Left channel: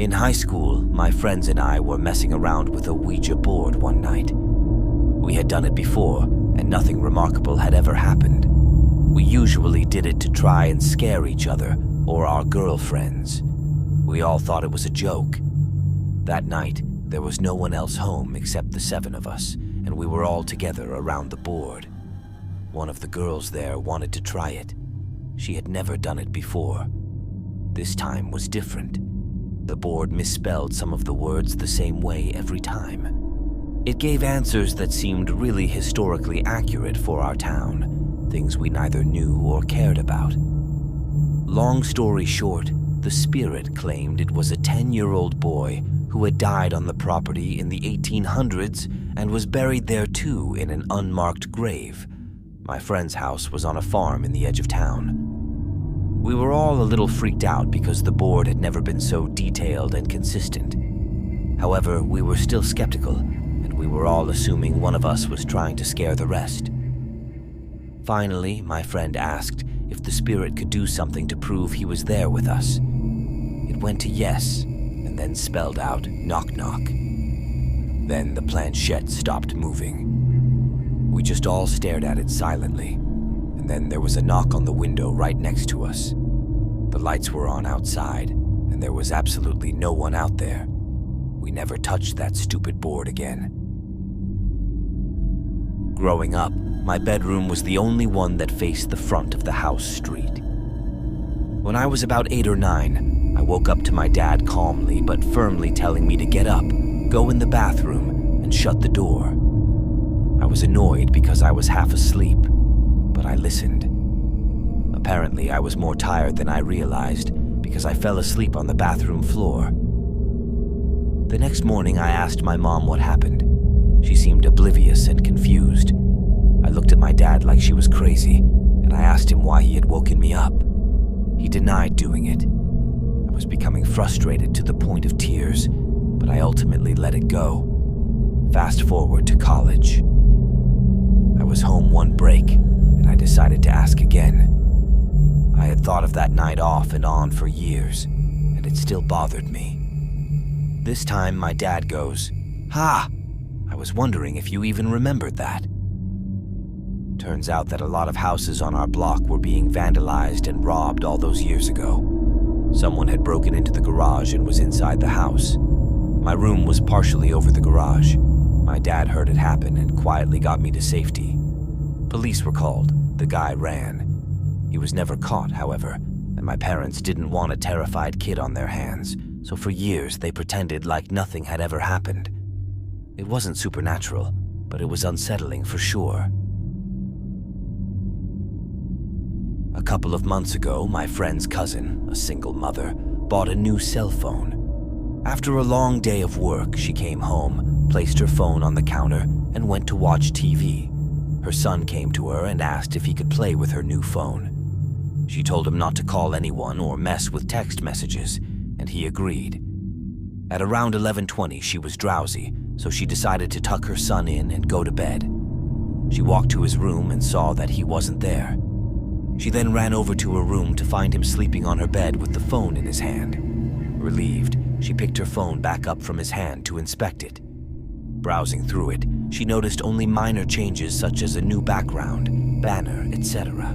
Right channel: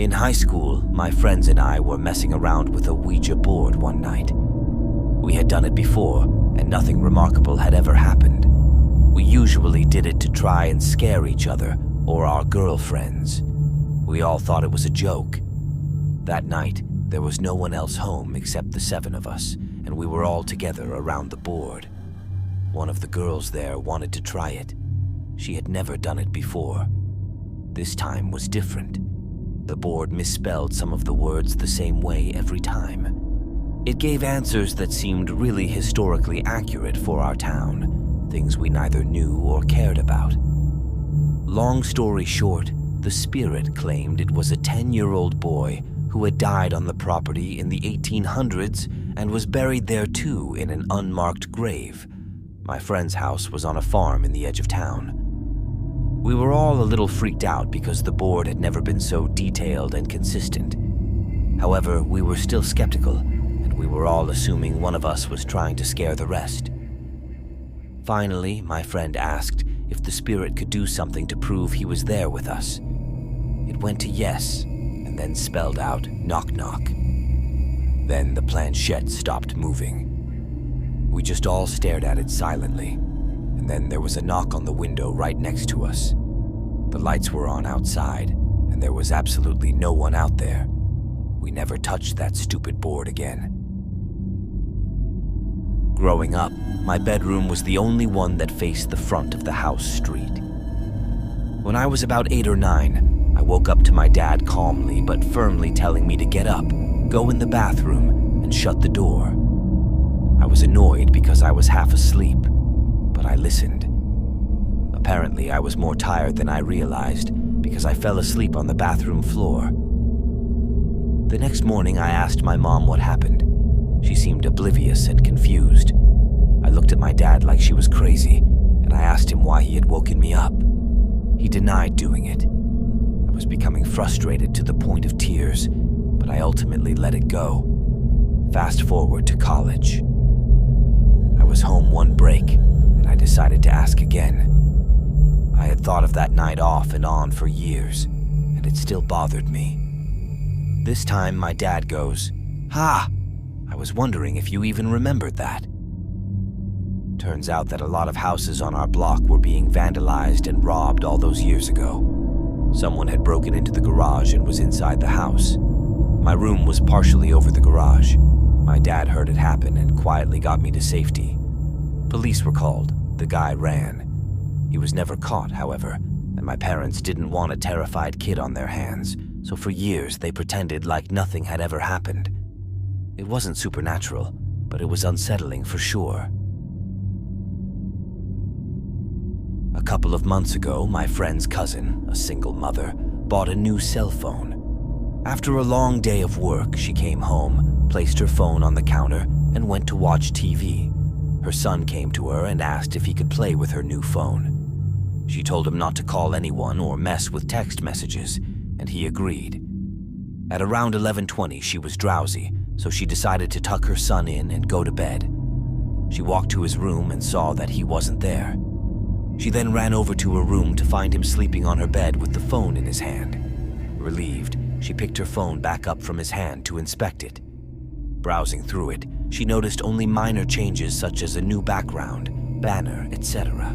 In high school, my friends and I were messing around with a Ouija board one night. We had done it before, and nothing remarkable had ever happened. We usually did it to try and scare each other or our girlfriends. We all thought it was a joke. That night, there was no one else home except the 7 of us, and we were all together around the board. One of the girls there wanted to try it. She had never done it before. This time was different. The board misspelled some of the words the same way every time. It gave answers that seemed really historically accurate for our town, things we neither knew or cared about. Long story short, the spirit claimed it was a 10-year-old boy who had died on the property in the 1800s and was buried there too in an unmarked grave. My friend's house was on a farm in the edge of town. We were all a little freaked out because the board had never been so detailed and consistent. However, we were still skeptical, and we were all assuming one of us was trying to scare the rest. Finally, my friend asked if the spirit could do something to prove he was there with us. It went to yes, and then spelled out knock knock. Then the planchette stopped moving. We just all stared at it silently, and then there was a knock on the window right next to us. The lights were on outside, and there was absolutely no one out there. We never touched that stupid board again. Growing up, my bedroom was the only one that faced the front of the house street. When I was about 8 or 9, I woke up to my dad calmly but firmly telling me to get up, go in the bathroom, and shut the door. I was annoyed because I was half asleep, but I listened. Apparently, I was more tired than I realized because I fell asleep on the bathroom floor. The next morning, I asked my mom what happened. She seemed oblivious and confused. I looked at my dad like she was crazy, and I asked him why he had woken me up. He denied doing it. I was becoming frustrated to the point of tears, but I ultimately let it go. Fast forward to college. I was home one break, and I decided to ask again. I had thought of that night off and on for years, and it still bothered me. This time, my dad goes, "Ha! I was wondering if you even remembered that." Turns out that a lot of houses on our block were being vandalized and robbed all those years ago. Someone had broken into the garage and was inside the house. My room was partially over the garage. My dad heard it happen and quietly got me to safety. Police were called. The guy ran. He was never caught, however, and my parents didn't want a terrified kid on their hands, so for years they pretended like nothing had ever happened. It wasn't supernatural, but it was unsettling for sure. A couple of months ago, my friend's cousin, a single mother, bought a new cell phone. After a long day of work, she came home, placed her phone on the counter, and went to watch TV. Her son came to her and asked if he could play with her new phone. She told him not to call anyone or mess with text messages, and he agreed. At around 11:20, she was drowsy, so she decided to tuck her son in and go to bed. She walked to his room and saw that he wasn't there. She then ran over to her room to find him sleeping on her bed with the phone in his hand. Relieved, she picked her phone back up from his hand to inspect it. Browsing through it, she noticed only minor changes such as a new background, banner, etc.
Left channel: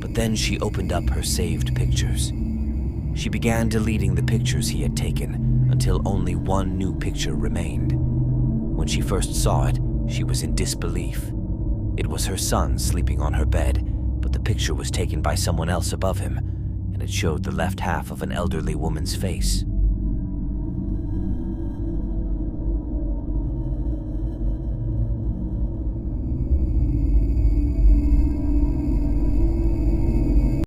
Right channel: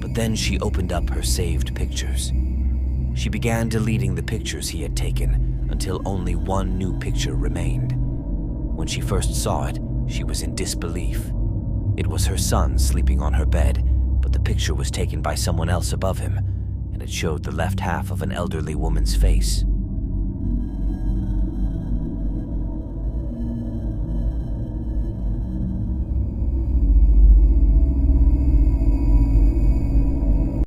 But then she opened up her saved pictures. She began deleting the pictures he had taken until only one new picture remained. When she first saw it, she was in disbelief. It was her son sleeping on her bed, but the picture was taken by someone else above him, and it showed the left half of an elderly woman's face.